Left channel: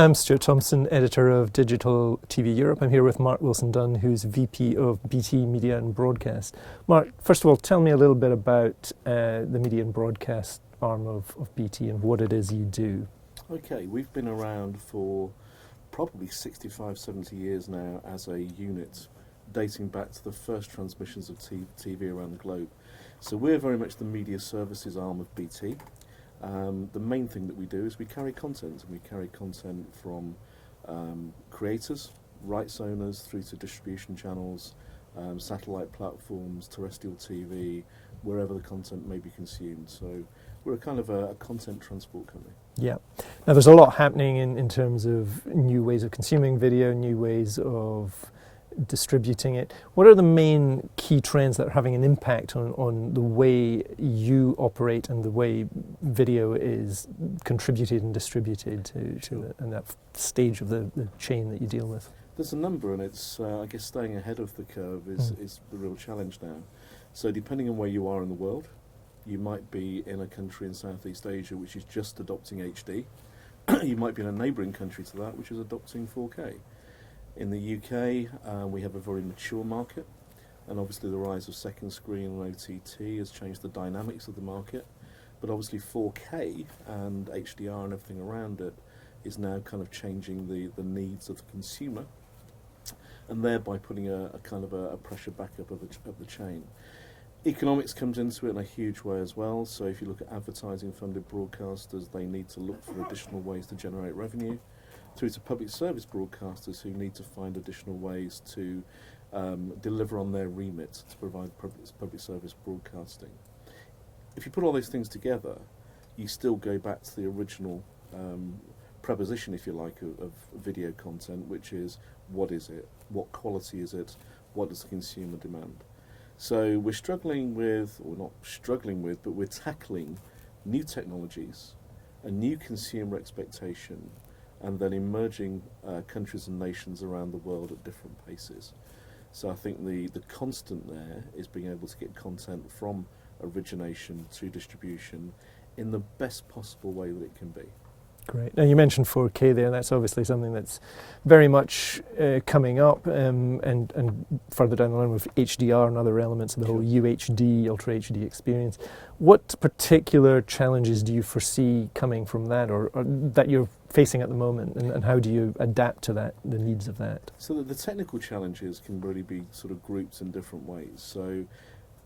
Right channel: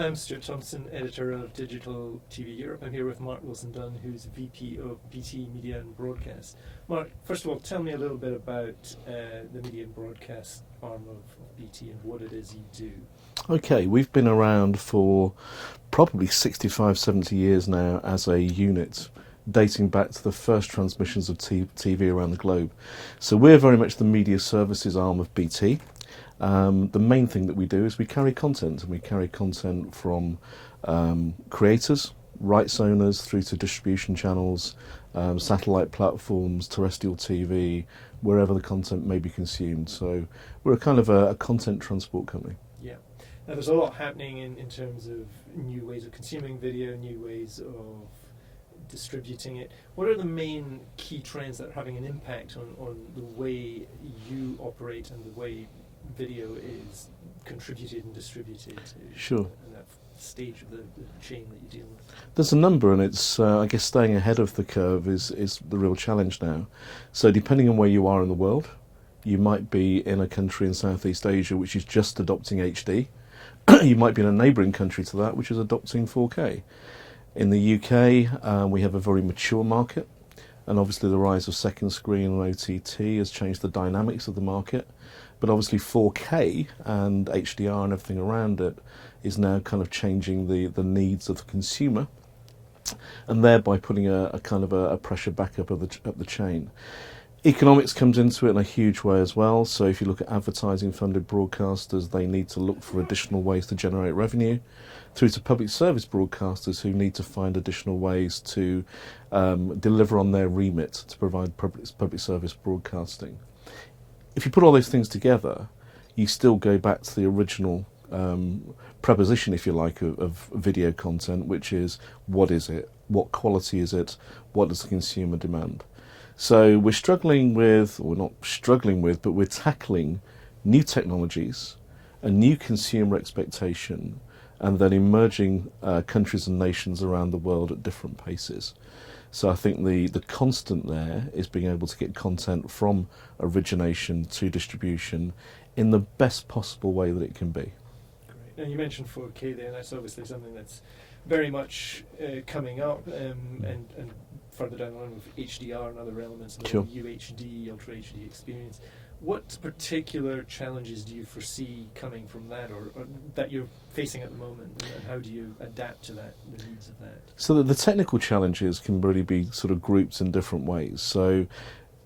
I'm Stuart Thompson, editor of Digital TV Europe. I'm here with Mark Wilson-Dunn, who's VP of BT Media and Broadcast. Mark, first of all, tell me a little bit about the media and broadcast arm of BT and what it is you do. Okay, we've been around for probably 65, 70 years now as a unit, dating back to the first transmissions of TV around the globe. So we're very much the media services arm of BT. The main thing that we do is we carry content, and we carry content from creators, rights owners, through to distribution channels, satellite platforms, terrestrial TV, wherever the content may be consumed. So we're a kind of a content transport company. Yeah. Now there's a lot happening in terms of new ways of consuming video, new ways of distributing it. What are the main key trends that are having an impact on the way you operate and the way video is contributed and distributed to Sure. and that stage of the chain that you deal with? There's a number, and it's I guess staying ahead of the curve is the real challenge now. So depending on where you are in the world, you might be in a country in Southeast Asia which is just adopting HD. You might be in a neighbouring country to that which is adopting 4K. In the UK, we have a very mature market, and obviously the rise of second screen and OTT has changed the dynamics of the market. But obviously 4K and HDR and everything around it is now kind of changing the needs of the consumer, and thereby putting a kind of a pressure back up the chain. Economics comes into it in a huge way as well. So if you look at advertising funded broadcasters, they need to look for additional ways to generate revenue, through to public service broadcasters who need to find additional ways to deliver on their remit to provide public service broadcasting. If you put all those things together, you still go back to the original proposition, if you like, of video content, which is, what is it? What quality is it? What does the consumer demand? So we're struggling with, or not struggling with, but we're tackling new technologies, a new consumer expectation, and then emerging countries and nations around the world at different paces. So I think the constant there is being able to get content from origination to distribution in the best possible way that it can be. Great. Now you mentioned 4K there. That's obviously something that's very much coming up, and further down the line with HDR and other elements of the whole UHD, Ultra HD experience. What particular challenges do you foresee coming from that, or that you're facing at the moment, and how do you adapt to that, the needs of that? So that the technical challenges can really be sort of grouped in different ways. So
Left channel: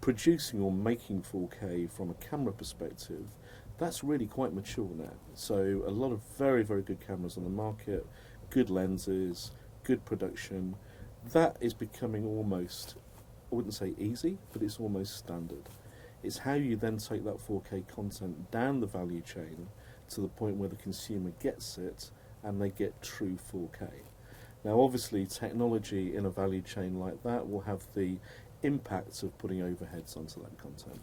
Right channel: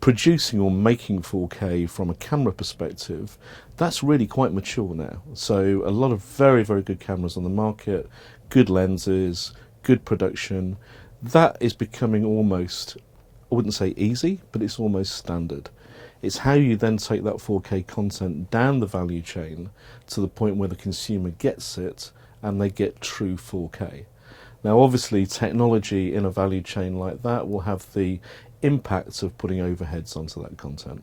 producing or making 4K from a camera perspective, that's really quite mature now. So a lot of very, very good cameras on the market, good lenses, good production. That is becoming almost, I wouldn't say easy, but it's almost standard. It's how you then take that 4K content down the value chain to the point where the consumer gets it and they get true 4K. Now obviously technology in a value chain like that will have the impact of putting overheads onto that content.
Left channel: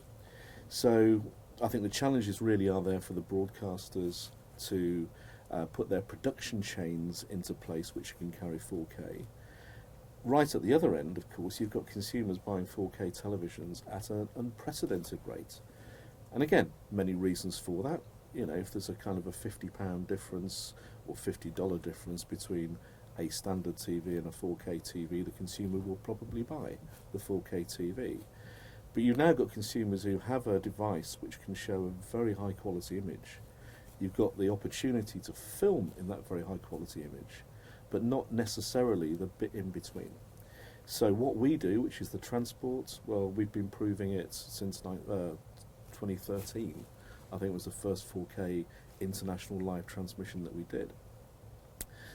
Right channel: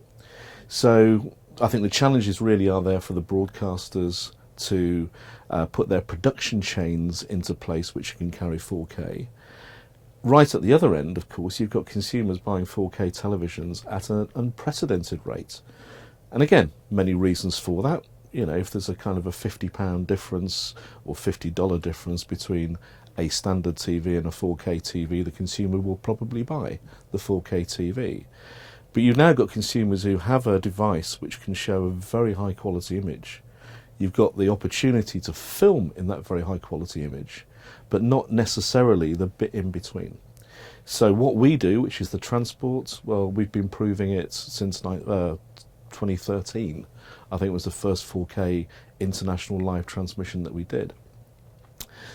So I think the challenges really are there for the broadcasters to put their production chains into place which can carry 4K. Right at the other end, of course, you've got consumers buying 4K televisions at an unprecedented rate. And again, many reasons for that. You know, if there's a kind of a £50 difference or $50 difference between a standard TV and a 4K TV, the consumer will probably buy the 4K TV. But you've now got consumers who have a device which can show a very high quality image. You've got the opportunity to film in that very high quality image, but not necessarily the bit in between. So what we do, which is the transport, well, we've been proving it since 2013. I think it was the first 4K international live transmission that we did.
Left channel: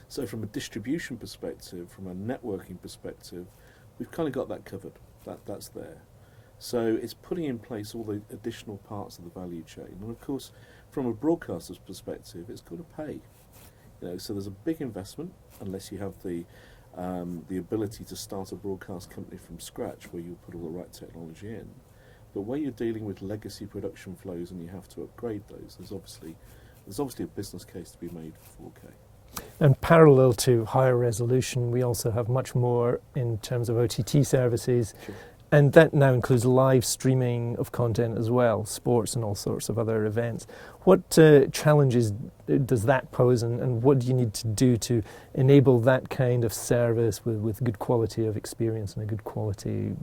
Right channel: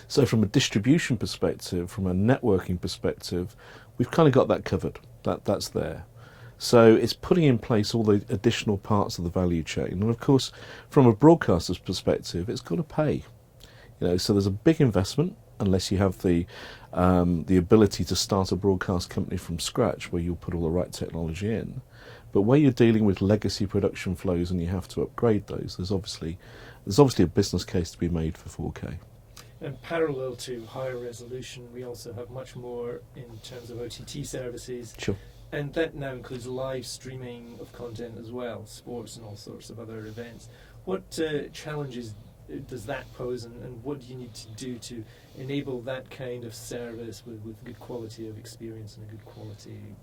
So from a distribution perspective, from a networking perspective, we've kind of got that covered. That's there. So it's putting in place all the additional parts of the value chain. And of course, from a broadcaster's perspective, it's got to pay. You know, so there's a big investment, unless you have the ability to start a broadcast company from scratch where you'll put all the right technology in. But where you're dealing with legacy production flows and you have to upgrade those, there's obviously a business case to be made for 4K. And parallel to higher resolution, we also have much more in terms of OTT services. Sure. And that now includes live streaming of content as well, sports and all sorts of other events. What challenges does that pose, and what do you need to do to enable that kind of service with good quality of experience and a good quality?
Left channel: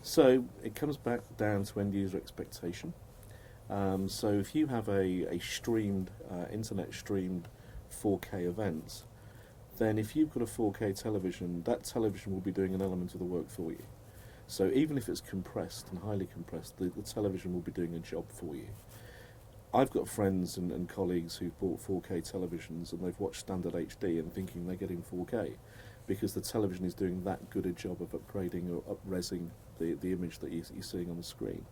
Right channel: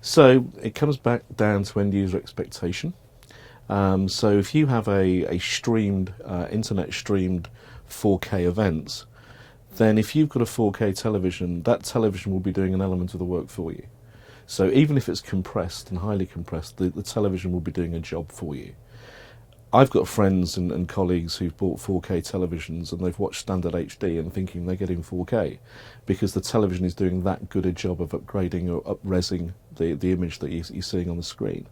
So it comes back down to end user expectation. So if you have a streamed, internet streamed 4K event, then if you've got a 4K television, that television will be doing an element of the work for you. So even if it's compressed and highly compressed, the television will be doing a job for you. I've got friends and colleagues who've bought 4K televisions and they've watched standard HD and thinking they're getting 4K because the television is doing that good a job of upgrading or up-resing the image that you're seeing on the screen.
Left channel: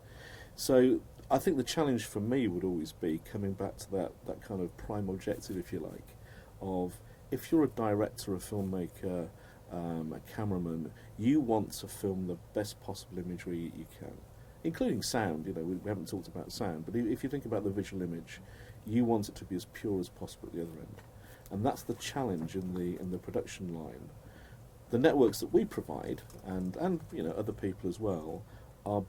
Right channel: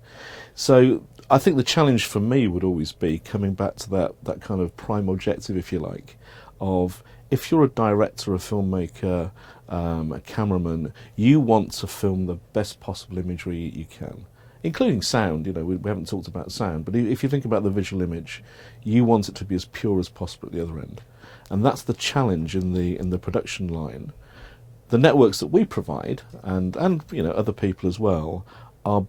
So I think the challenge for me would always be coming back to that kind of prime objective, if you like, of if you're a director, a filmmaker, a cameraman, you want to film the best possible imagery you can, including sound. You know, we haven't talked about sound, but if you think about the visual image, you want it to be as pure as possible at the other end, and that's the challenge in the production line. The networks that we provide, and you know, other people as well, are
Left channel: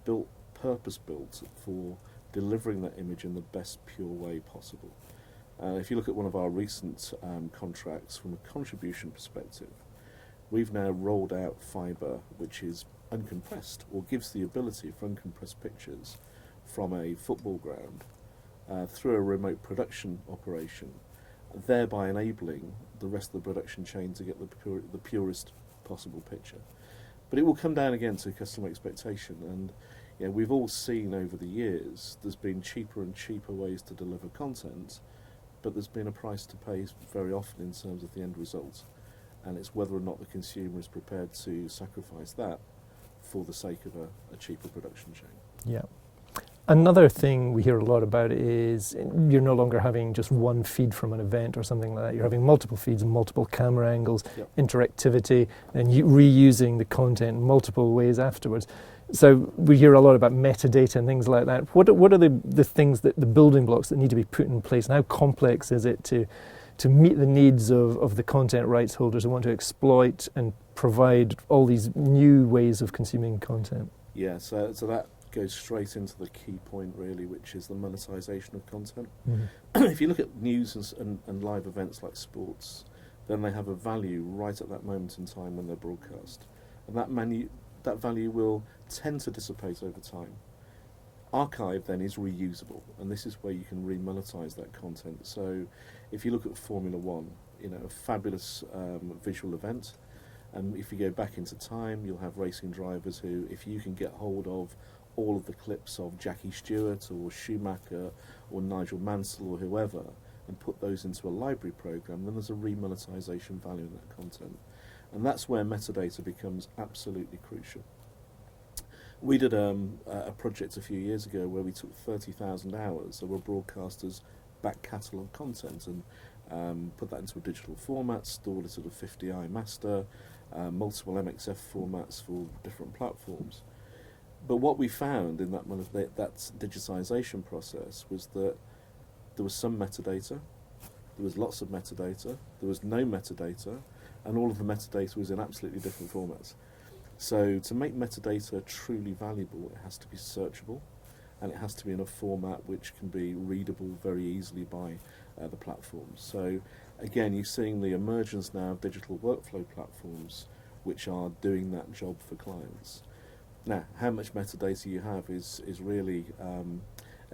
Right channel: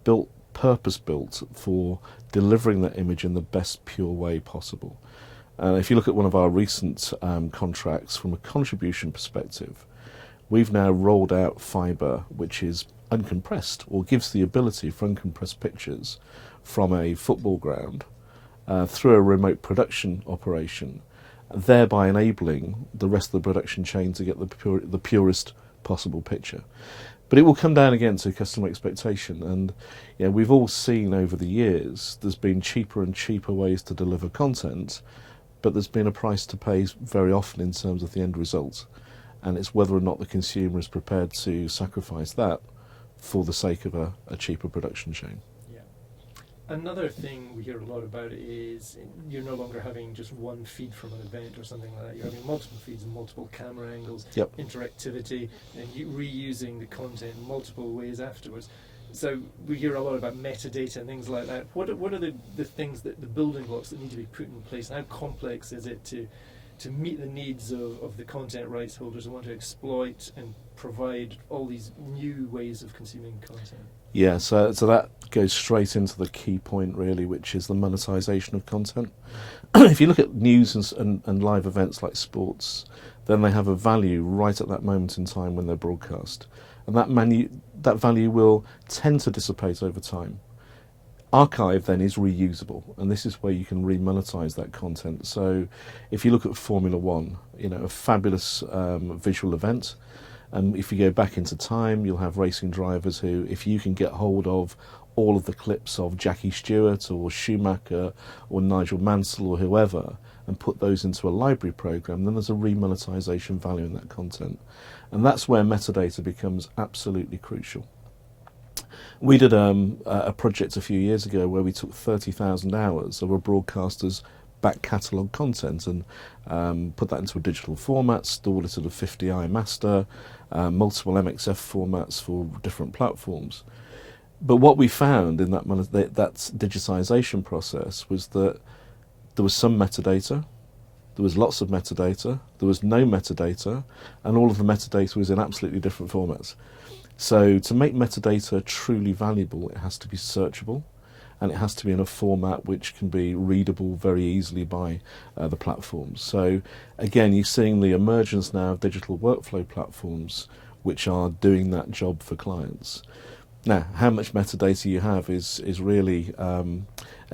purpose-built for delivering that image in the best pure way possible. If you look at one of our recent contracts from a contribution perspective, we've now rolled out fibre which is uncompressed, or gives the ability for uncompressed pictures from a football ground through a remote production operation, thereby enabling the rest of the production chain to get the purest possible picture. But it will come down again to customer expectation, and you know, we've all seen over the years there's been cheaper and cheaper ways to deliver content, but there's been a price to pay very often in terms of the end result, and it's whether or not the consumer is prepared to sacrifice that for the sake of a cheaper production chain. Yeah. Another thing we hear a lot about is you're no longer having just one feed from an event or something like that. You're having multiple feeds and multiple camera angles, Yep. Interactivity, and reusing the content in multiple ways afterwards. So we hear a lot about metadata and things like that. What are the things, that the building blocks that need to be put in place, and how complex is it to meet the needs of the content rights holders who want to exploit and provide all these new ways of consuming content? Yeah, so that goes straight into the key point really, which is the monetization of content. If you look at news and live events like sports, then they have a value right at that moment in time when they're broadcast, and that value will tend to dissipate over time. Archive then is reusable, and this is where you can remonetize that content. So if you look at Formula One, you know, a fabulous visual event, and if you go back into time, you'll have racing drivers who, if you can get hold of all of the clips of Jackie Stewart or Schumacher or Nigel Mansell or whoever and put those into a library program, then there's a remonetization value in that content. And that's where metadata becomes absolutely crucial. We did a project a few years ago where we took 30,000 hours of a broadcaster's back catalogue content and put that into a digital format, stored it at a 50i master, multiple MXF formats for different platforms. But what we found in that digitisation process was that there was some metadata, there was lots of metadata, there was no metadata, and all of the metadata was in absolutely different formats. So to make metadata truly valuable, it has to be searchable, and it has to be in a format which can be readable very easily by the platforms. So again, you're seeing the emergence now of digital workflow platforms which are doing that job for clients. Now, how much metadata you have is really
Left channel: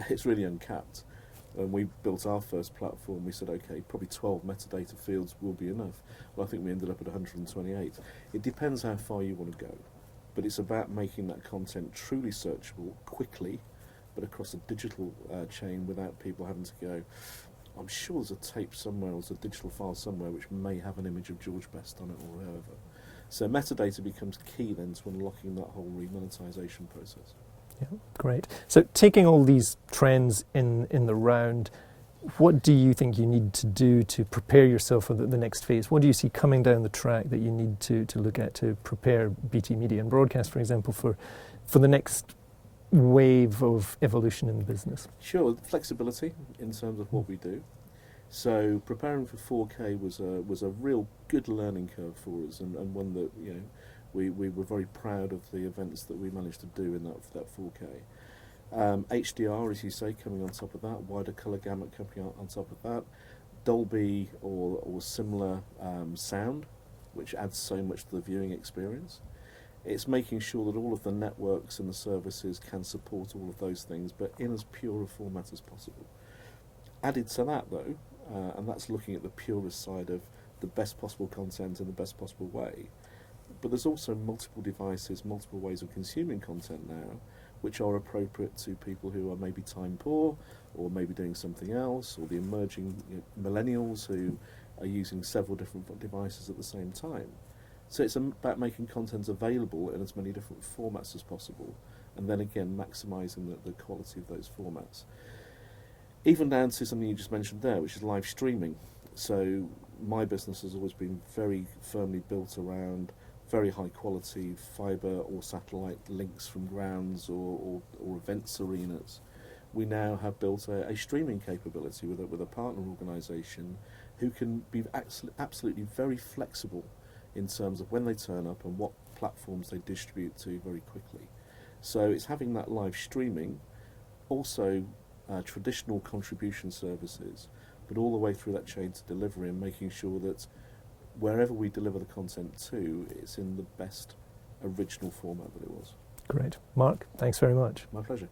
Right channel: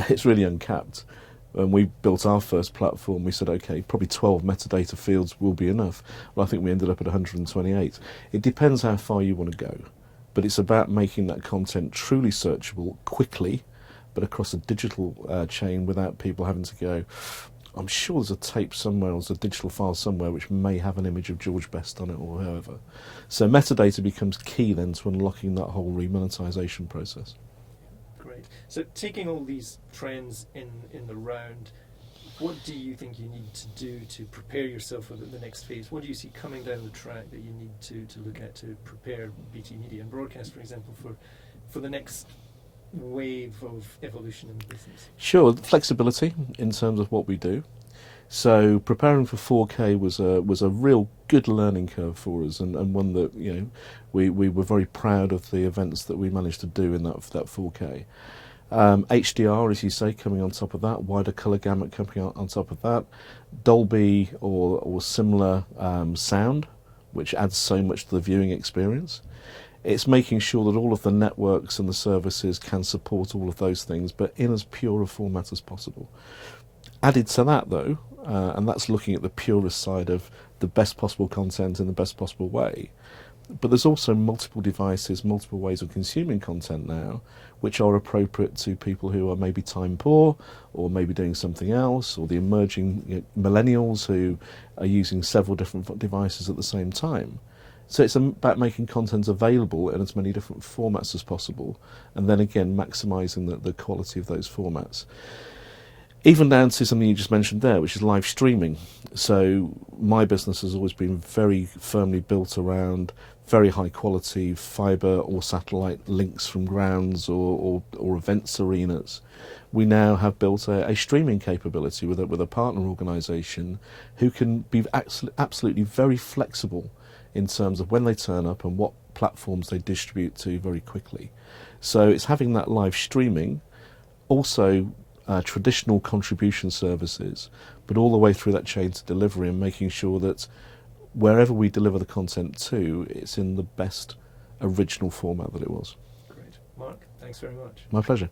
it's really uncapped. When we built our first platform, we said, okay, probably 12 metadata fields will be enough. Well, I think we ended up at 128. It depends how far you want to go, but it's about making that content truly searchable quickly, but across a digital chain without people having to go, I'm sure there's a tape somewhere, or there's a digital file somewhere which may have an image of George Best on it or however. So metadata becomes key then to unlocking that whole remonetization process. Yeah, great. So taking all these trends in the round, what do you think you need to do to prepare yourself for the next phase? What do you see coming down the track that you need to look at to prepare BT Media and Broadcast, for example, for the next wave of evolution in the business? Sure, flexibility in terms of what we do. So preparing for 4K was a real good learning curve for us, and one that we were very proud of the events that we managed to do in that 4K. HDR, as you say, coming on top of that, wider colour gamut coming on top of that, Dolby or similar sound, which adds so much to the viewing experience. It's making sure that all of the networks and the services can support all of those things, but in as pure a format as possible. Added to that, though, and that's looking at the purest side of the best possible content in the best possible way, but there's also multiple devices, multiple ways of consuming content now, which are appropriate to people who are maybe time poor, or maybe doing something else, or the emerging millennials who are using several different devices at the same time. So it's about making content available in as many different formats as possible, and then again maximising the quality of those formats. Even down to something you just mentioned there, which is live streaming. So my business has always been very firmly built around very high quality fibre or satellite links from grounds or events arenas. We now have built a streaming capability with a partner organisation who can be absolutely very flexible in terms of when they turn up and what platforms they distribute to very quickly. So it's having that live streaming, also traditional contribution services, but all the way through that chain to delivery, and making sure that wherever we deliver the content to, it's in the best original format that it was. Great. Mark, thanks very much. My pleasure.